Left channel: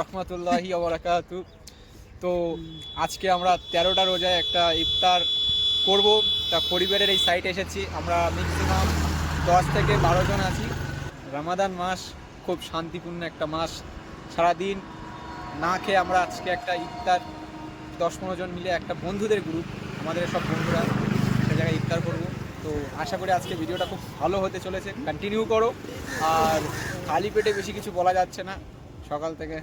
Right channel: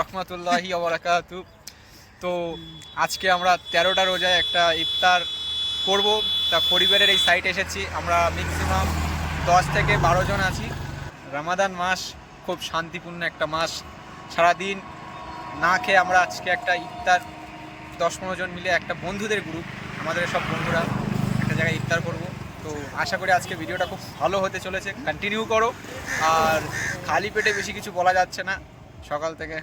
রহমতুল্লাহি ওবরাকাতু তো আজকে আমরা তেরোটা রোজায় একটা ইফতার করব। তা পরিবারের এই সাইটে এসেছি। আমরা ম্যাক্সিমাম দশ থেকে বারো জন আছি। রামাদান মাস খুব শান্তিপূর্ণ একটা মাস। সারাদিন না খেয়ে আমরা আজকে একটা ইফতার, দশ পনেরো জন মিলে একটা বন্ধুদের গ্রুপ আমাদের সব বন্ধুরা একটা জায়গায় ইফতার করব। তো আশা করি আজকে ভিডিওটা খুব ভালো হতে চলেছে। কন্টিনিউ করো। আর খালি পেটে বেশি কিছু বলা যাচ্ছে না। সকাল থেকে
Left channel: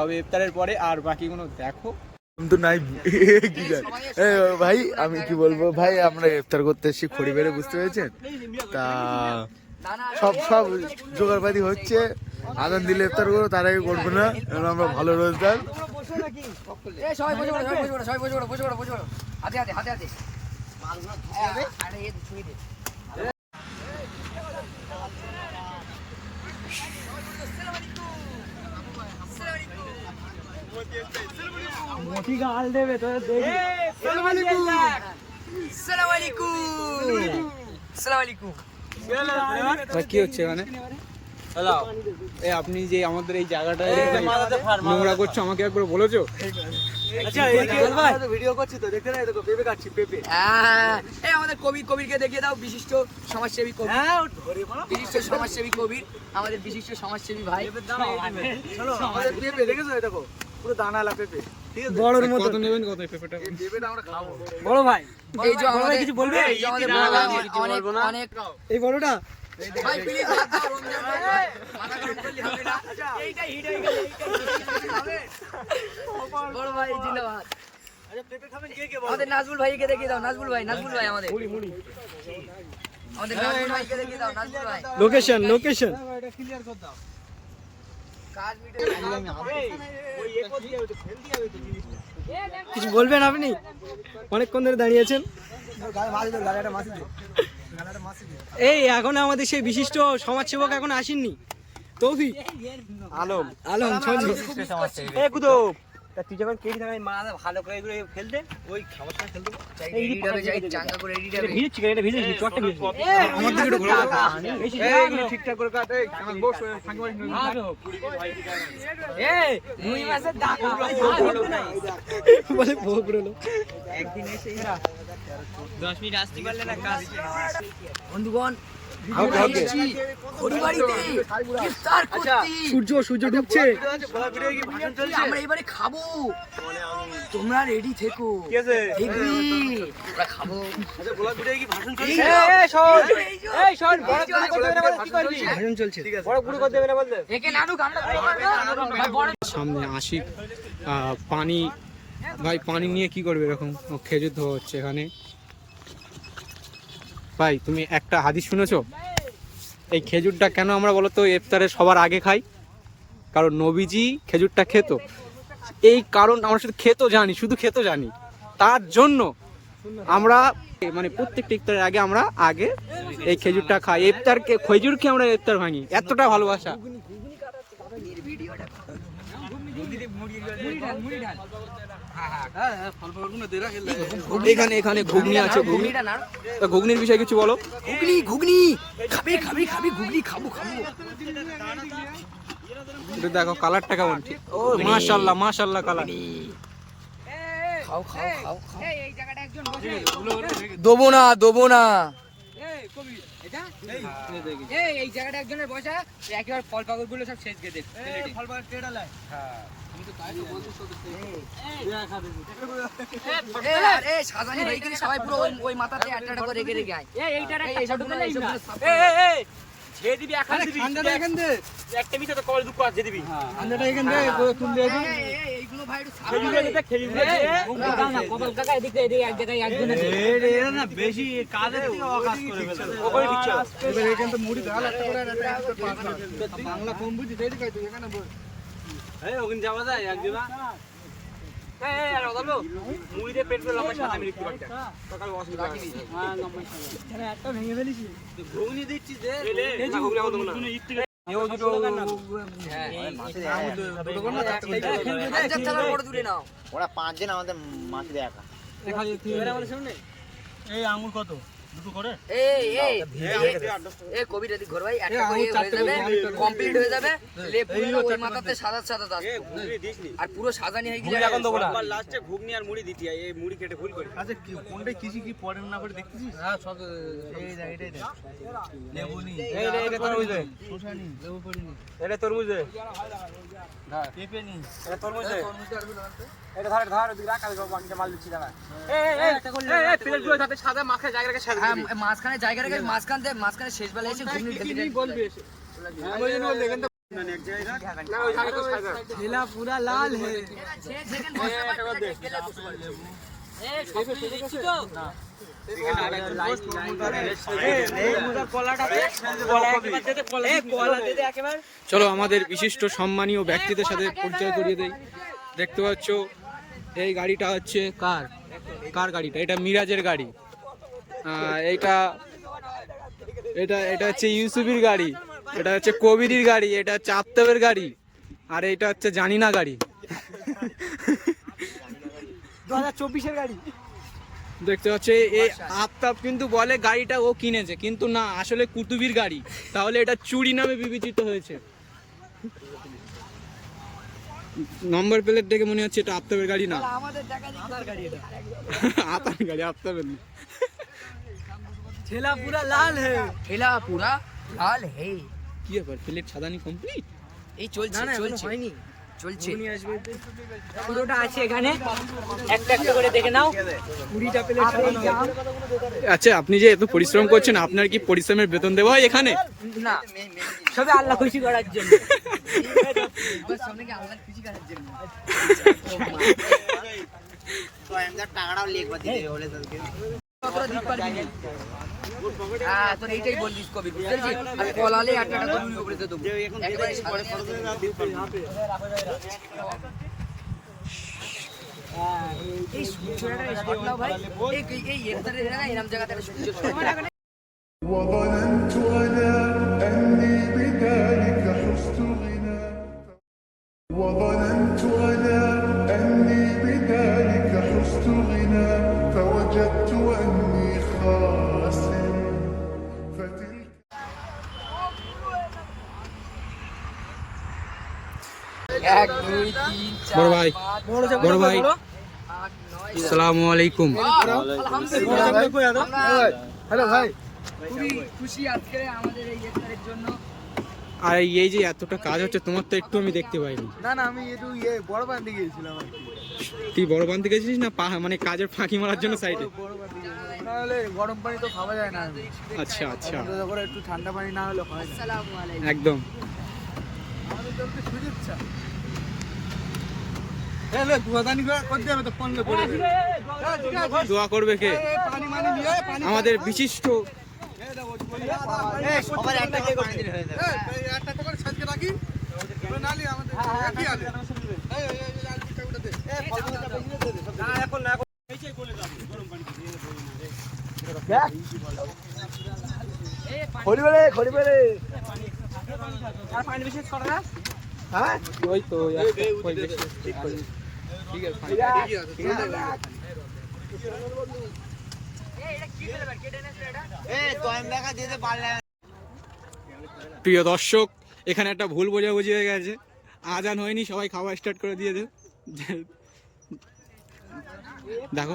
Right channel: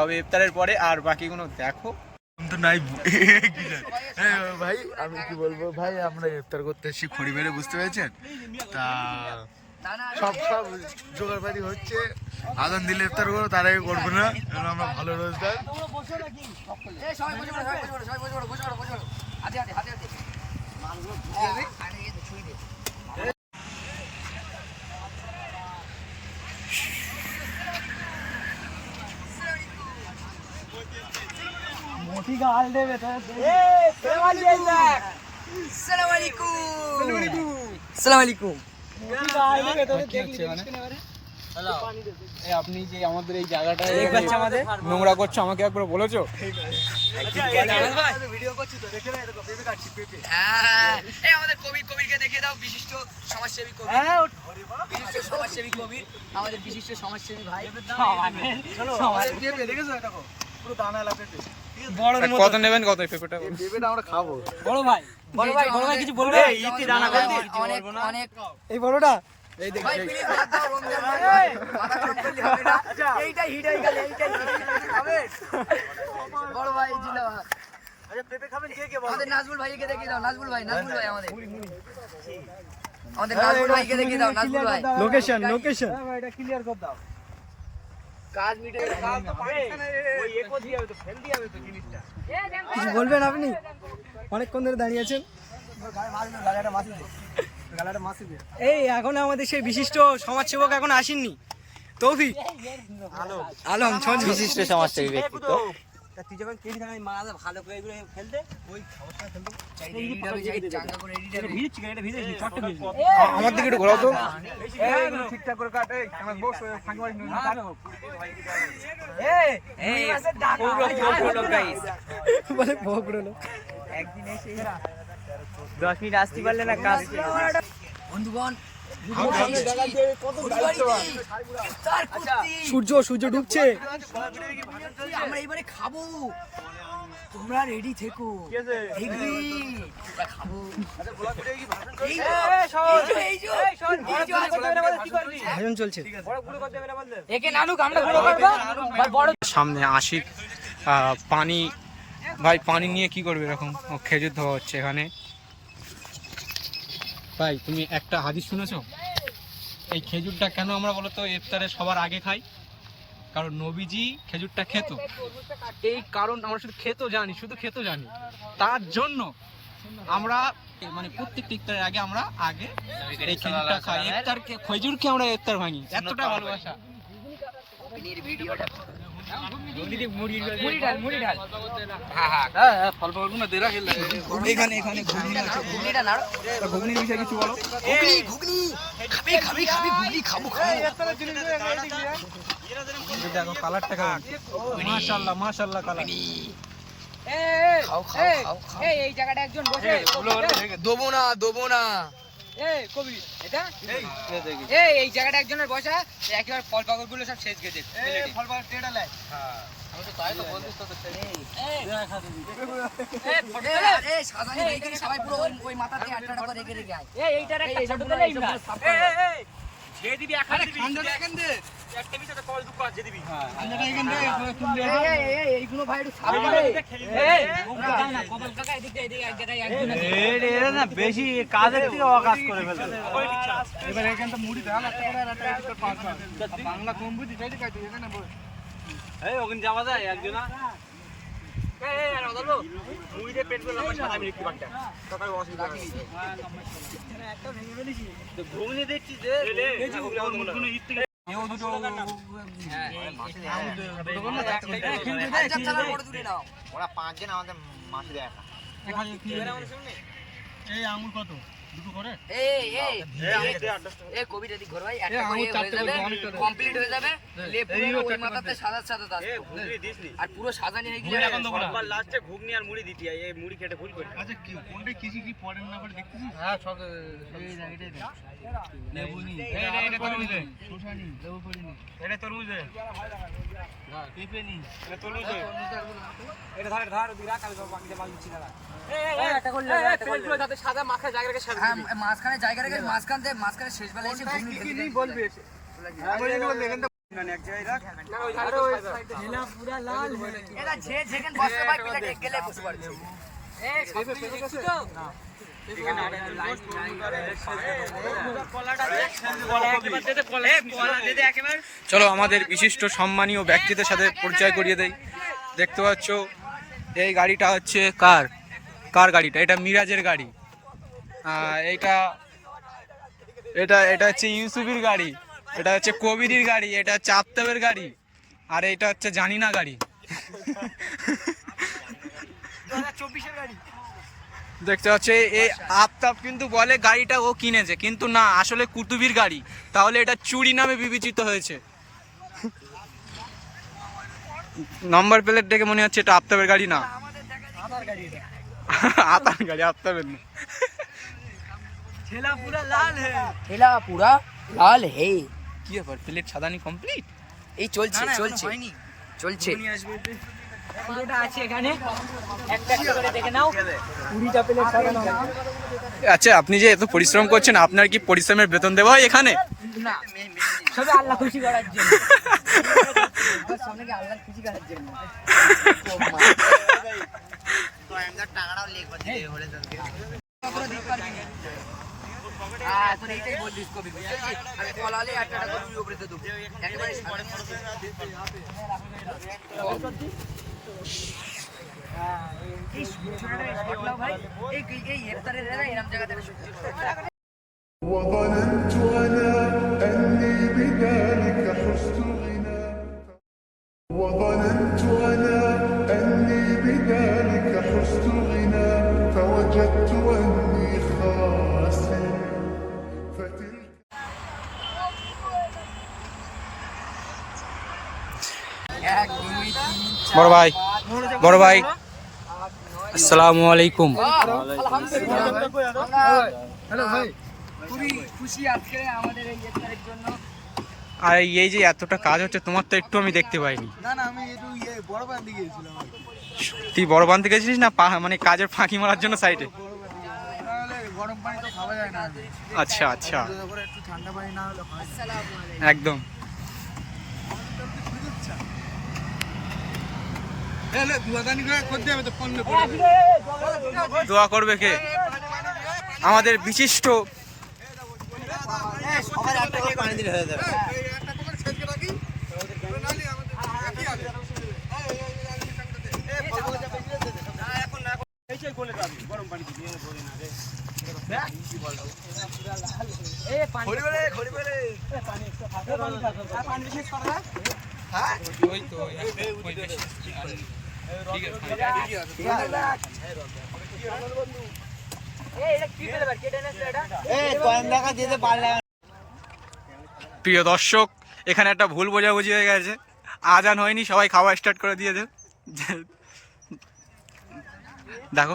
হবে ইফতারের পরে। আর বাকিগুলো দেখো। তো নাই? ভাই আমি কি বলব? ভাই আমরা ইফতার করতে এসেছি খড়ি বেড়ে বুঝতে পেরেছেন? তা সব সব জোগাড়পাতি হচ্ছে। আদান দিলে ইফতার করব তার আগে করব না। আমরা ভালো রোজগার এই সবাই বসে পড়ো, সবাই বসে পড়ো, সবাই বসে পড়ো, বসে পড়ো, বসে পড়ো। হাতে হাতে, হাতে হাতে। মালগুলো ধুতে হবে, আর এই যে ছুঁয়ে দে। আসসালামু আলাইকুম। আসসালামু আলাইকুম। কি হচ্ছে মানে এই আপনি যে আমাদের এই জায়গাটা নোংরা করছ আমাকে একবার বলেছ? হ্যাঁ, এই আমাদের কবির কবিরকে দেখিয়ে দাও বিশিষ্ট সমাজসেবী কবি। বিশিষ্ট সমাজসেবী কবির আমাদের বিশিষ্ট সমাজসেবী ভাই। কত নেবেন? কত এই পেঁপেটা বড় ভাই। বড় ভাই কিছু বলবে? অনেক অনেক এই বড়টা ভাই প্লিজ রমজান ভাই। মাথা চটকালে হবে না। এইটা হিট গেল, এইটা hit গেল। বড় ভাই জিন্দাবাদ। আমাদের নাজবুল ভাইকে দেখিয়ে দাও নাজবুল ভাই নাজবুল ভাই আমাদের। আমাদের নাজবুল ভাইকে দেখিয়ে দাও নাজবুল ভাই। Location location. কাজ মিটে কিছু বলবেন আপনি? অনেকক্ষণ ধরে দাঁড়িয়ে আছেন। এই এখন আমাদের সেই বিশিষ্ট সমাজসেবক এখন আসেননি। তৌফিক। আলম। আলম বিশিষ্ট সমাজসেবী তুই যখন কেটে থাকা মাথা ভালো করে এগুলো ফেলতে ওই এডিট হবে যাই এডিট হবে ভিজছি এটা ভিজেছি চটটা ভিজেছি আমার দিকে একটু ঠিকঠাক করে কাট বস ফাঁকি মারিস না। বলে বকরো লোক। বন্ধুগণ আমরা এসেছি হরিবাড়িতে ইফতার করতে সূর্য সূর্য ডুবছে আমরা এবারে খাব তোমরা রেডি থেকো দেখবি খাব ভাজন চলছে সামনে আশিক আহ, পানি ভাই পানি নিয়ে কি করবে এরকম ও খেজুর ধোয়া হচ্ছে এখানে ভাই, তুমি একটা হাদিস শুনেছো? এই খেজুরটা কেন আমরা বলতো ইফতারে সবার আগে খাই? কারণ নবীজি খেজুরটা খেত। এই কারণ আমরা শুধু খেতো জানি, শুধু খেতো জানি। তার জন্য আমরা মানে প্রত্যেকটা ইফতারের আগে আমরা আগে এই খেজুরটা খাই। ইফতারকে, খেজুরকে আমরা ইফতার ভাঙি। এতটা ভালোবাসা। এখানে এখানে ঘুগনি আছে ঘুগনিটা নাড়ো তা ঘুগনির বিষয়ে কিছু বলো ঘুগনি ঘুগনি খাবে খাবে খাবে ঘুগনি খাব খাব দেখো কালারটা কেমন ও মাশাল্লাহ মাশাল্লাহ কালার খাও খাও খাও খাও দেবো না দেবো না এই এই। জায়গাটা একজনের বসা একেবারে ফল পাকড়গুলো সব শেষ গেছে সাজানি ভাইকে সবাই পুরো ওই মাথাতে একটা একটা করে রেখে রেখে আয়। এই। এই, এই, এই, এইগুলো ভাই একটু করে দে। এবার এখানে তো মুড়ি ঢাল একটা করে আর একটা একটা পাঁচ বাংলা কম বুঝি তাই দেখাই তুই এখানে বল আচ্ছা, চালার বড় দূরে নাও। এই আঙুর কত? এই এই। এই কবির এদিক ঘর ভাই একটা করে হয়ে যাবে কমপ্লিট হয়ে যাবে। লে পুরো ওই মাথাতে সাদা সাদা দাগ আর পুরো সাজানি হয়ে গেলে এখন দেবো না। লাস্টে ঘুগনি আর মুড়ি দিতি এই মুড়ি কেটে ভুল করি। আচ্ছা কি কোনটা কিছু কি পড়েন না করে দেখতেছিস? হ্যাঁ সব এই দেখ এটাই দেখ। লেবু এই রে, এটা তরমুজ দে। শসা লেবু পড়িনি। এটা তরমুজ দে। পেঁপে নি। এটা তরমুজ দে। এটা ধর ধর ওদিকে রাখ আমি বাকিটা মাল দিচ্ছি দাঁড়া। এই এই একটা করলে প্লেটগুলো যাতে সাদা মাখা জায়গা রেখে সাজিয়ে হ্যাঁ মাঝখানে জায়গা রেখে মাঝখান থেকে মাঝখানে শেষ বেলা এসে ঘুগনি ঢেকে বলবি দেখছি তো? চলো আমাদের বিশিষ্ট সম্মানীয় ব্যক্তিদের সাথে পরিচয় করিয়ে দেই। দেখতে পাচ্ছ এই গাড়িটা হচ্ছে কার? কার গাড়িটা? এটা মিরাজের গাড়ি। এইটা এটা এটা হচ্ছে ইউসুফের গাড়ি। এটা হচ্ছে কবিরির গাড়ি এটা হচ্ছে আফতাবের গাড়ি আর এটা হচ্ছে জানিনা গাড়ি। চব্বিশের গাড়ি। দেখতে পাচ্ছে এই আফতাব কিন্তু বলে গাড়িটা ও কিনেছে কিন্তু না আসলে কুতুবির গাড়ি। তাহলে এটা চুরি নামে বিবেচিত হয়েছে। নম্বর প্লেট দেখে মনে হচ্ছে এটা আফতাবের গাড়ি না। আতার গাড়ি আফতাবের না। ঠেলা পুরা লাল হে ঠেলা পুরা লাল হে কি ব্যাপার প্লেট সাদানি কমপ্লিট এই চলছে চলছে। হয়নি। চলছে। পুরোটা আছে এখানে। একটা একটা করে দেখে নাও। কুড়িটা প্লেট সাজানো আচ্ছা আপনি যে এত পরিশ্রম করছেন আপনার কি পরিশ্রমের বেতন দেওয়া হয় এখানে? না সবে আল্লাহ খুশি করার জন্য। সামনে কি আল্লাহর খুশি করার জন্য কতটা দিতে পারবি না? হ্যাঁ, তোর এইটাই বলছিস কবি, বুঝতে পেরেছিস? আমি কলালে একটা একটা করে উপরে দিয়ে দেবো। একেবারে সামনে। এই সূর্যটা এই shot নাও ভাই। এই এই এর ধারে রে না, এরম জায়গাতে একটা সূর্য shot নাও। وظننت أنا أني بذلك حزت غنى وظننت أنا أني بذلك حزت غنى فوجدت أني خاسر বড় ভাই বড় ভাই। আসসালামু আলাইকুম। আর এই যে এতটা কাজ হচ্ছে, তোমার তো একটু আমি দেখতে পাইনি। না বড় বান দিকে গেছিলাম আর কি। তুই বড় বান্ধে গেছিস না মানে কাজের ফাঁকি মারার জন্য সাইডে বড় বান দিকে গেছিলাম। নাহলে গরম পানি তো খাওয়া যায় না আচ্ছা আচ্ছা একটু ঠান্ডা পানি না হলে হয় না। আসসালামু আলাইকুম একদম দোয়া করবে কে আমাদের বিশিষ্ট প্রিয় দর্শক, এখানে একটা ভুল বোঝাবুঝি হয়ে গেছে। আজান হয়নি, সবাই খাওয়া স্টার্ট করে দিয়েছে দেখো।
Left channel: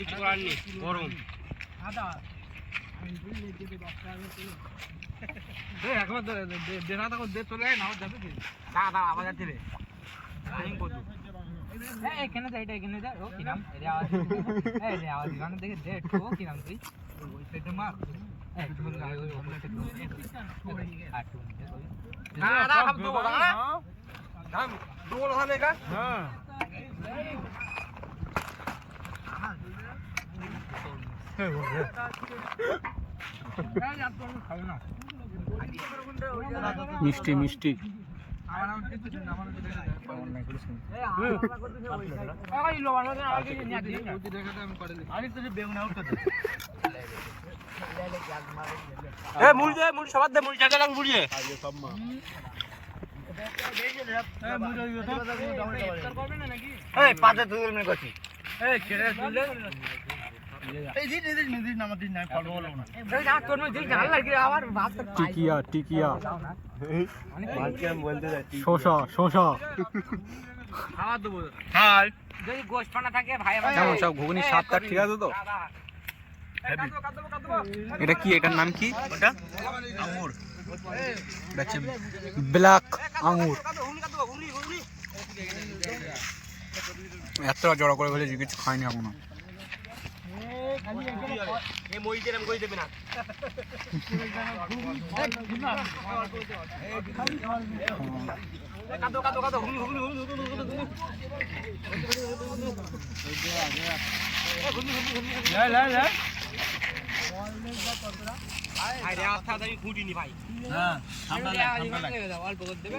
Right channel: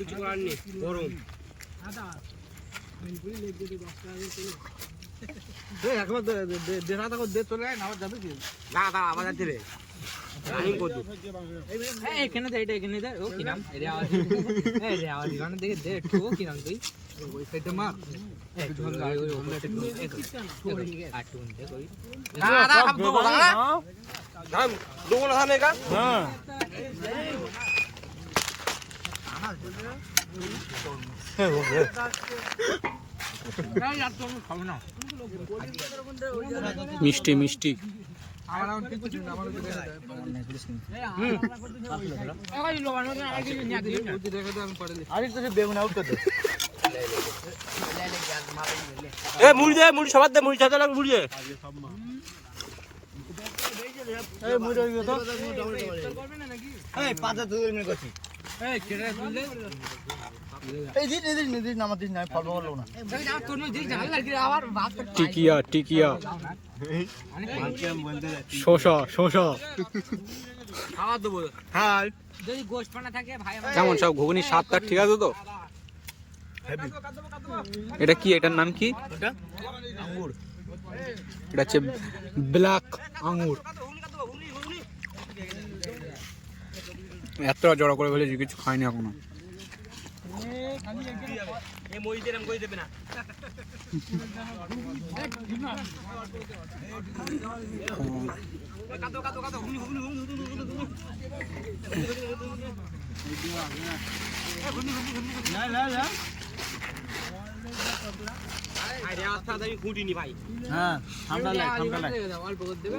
কিছু করার নেই গরম। না না আমাদের দিলে আমি করব এখানে দে এটা এখানে দে। ও কি নাম? রেওয়াজ এই রেওয়াজ গান দেখে দে একটু। ও কি নাম তুই? ওই সাইডে মার। এই তো ওই তো দে কই? না না হাম না না। মিষ্টি মিষ্টি। মুড়ি দে মুড়ি সবার দে মুড়ি মুড়ি দে। তুই করছি। তোর টিকিয়া টিকিয়া। ভাই আমার কেমন সব ঘুগনি স্বাদটা ঠিক আছে তো? এটা কি এটার নাম কি? এটা হচ্ছে ব্ল্যাক আঙুর। এতটা জড়ো করে ফেলেছি কিছু খাইনি এখনও। এই মই দিলাম কই দেবে না কাটো কাটো কাটো হুন হুন হুন হুন হুন হুন লে লে লে আরে আথা দাই খুঁটিনি ভাই হ্যাঁ ঠান্ডা লাগে। ঠান্ডা লাগে অল্প করে দেবে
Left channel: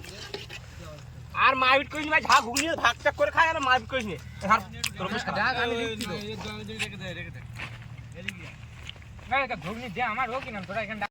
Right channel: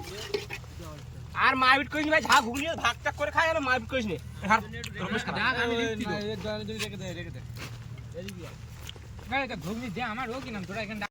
আর আর মারপিট করিস ভাই ঝাঁ ঘুগনি ভাগ টাক করে খায় আর মারপিট করিস নে। ঘুগনি দে আমার ও কি নাম তোরা এখানে